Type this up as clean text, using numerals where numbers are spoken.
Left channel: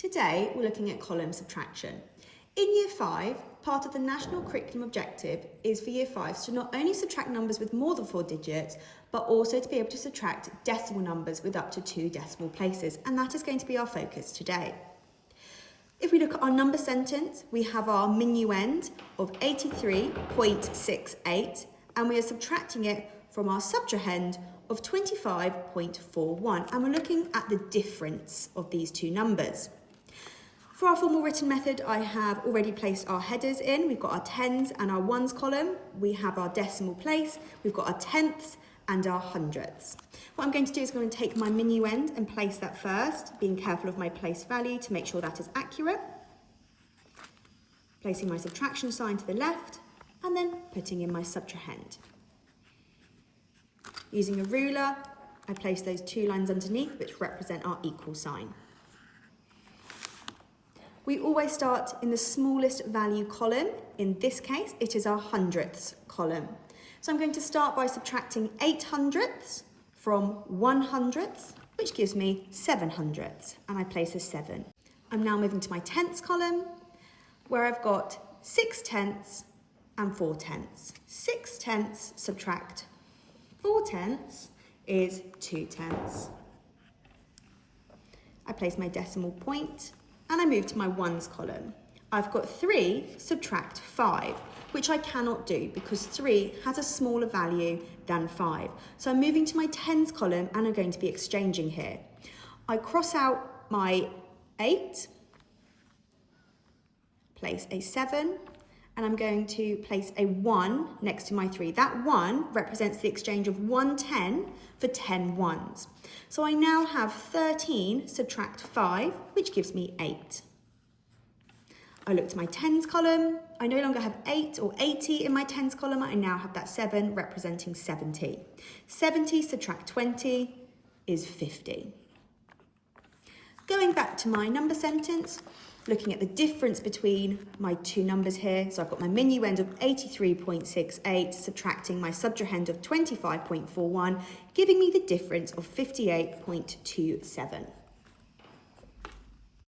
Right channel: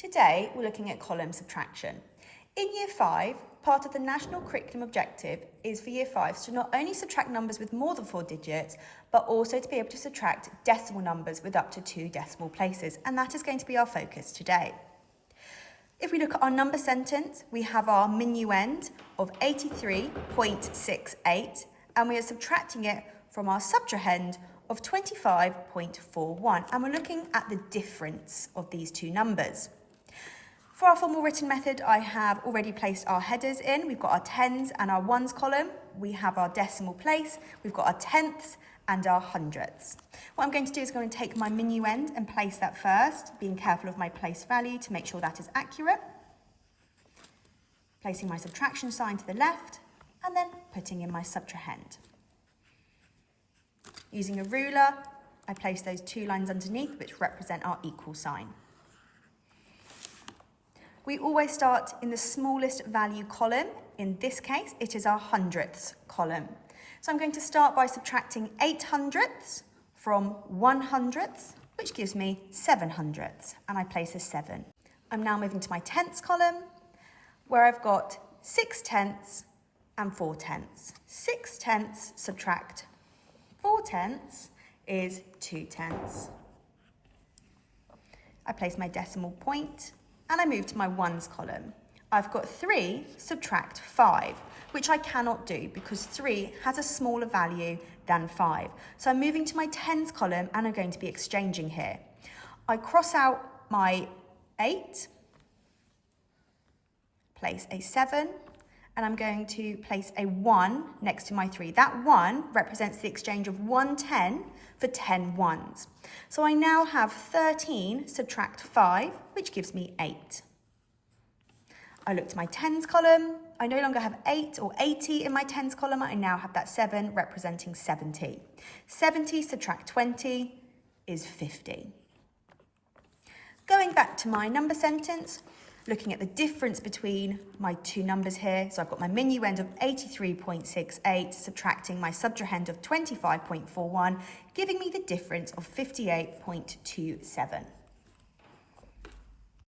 Today, we're looking at column subtraction. In Year 5, part of the National Curriculum Objective is for Year 5s to not only subtract numbers with more than 4 digits, but also to be able to subtract decimal numbers with up to 2 decimal places, and that is going to be our focus today. If we look at our number sentence, we have our minuend of 83.68, and we are subtracting it from our subtrahend of 25.41, and we're looking at the difference of these two numbers. For our formal written method, I have already placed our headers in. We've got our tens and our ones column. We have our decimal place. We've got our tenths and our hundredths. What I'm going to do is I'm going to take my minuend and place that first, being careful of my place value to make sure that is accurate. Placing my subtraction sign to the left and then putting in my subtrahend. Using a ruler, I place those 2 lines underneath which represent our equal sign. We always start in the smallest value column. In this case, it is our hundredths column. So I'm going to start by subtracting 8 hundredths from 1 hundredths, which gives me 7 hundredths, and I place a 7. I'm now moving to my tenths column, where I've got 6 tenths and 4 tenths. 6 tenths subtract 4 tenths is 2 tenths. I place my decimal point, and I move to my ones column. I've got 3 subtract 5, which I cannot do because 3 has a smaller value than 5. So I'm moving to my tens column and I'm going to be exchanging here. I cross out my 8, place a 7, and I'm going to place a 1 next to my 3. That 1 represents the exchange of 1 10 for 10 ones. So I now have 13 subtract 5, which gives me 8. I look to my tens column. I no longer have 8 or 80 in my tens column. I now have that 7 representing 70. 70 subtract 20 is 50. Going back to my number sentence, looking at the difference between my two numbers here. So I've got my minuend of 83.68 subtracting my subtrahend of 25.41, giving me the difference of 58.27.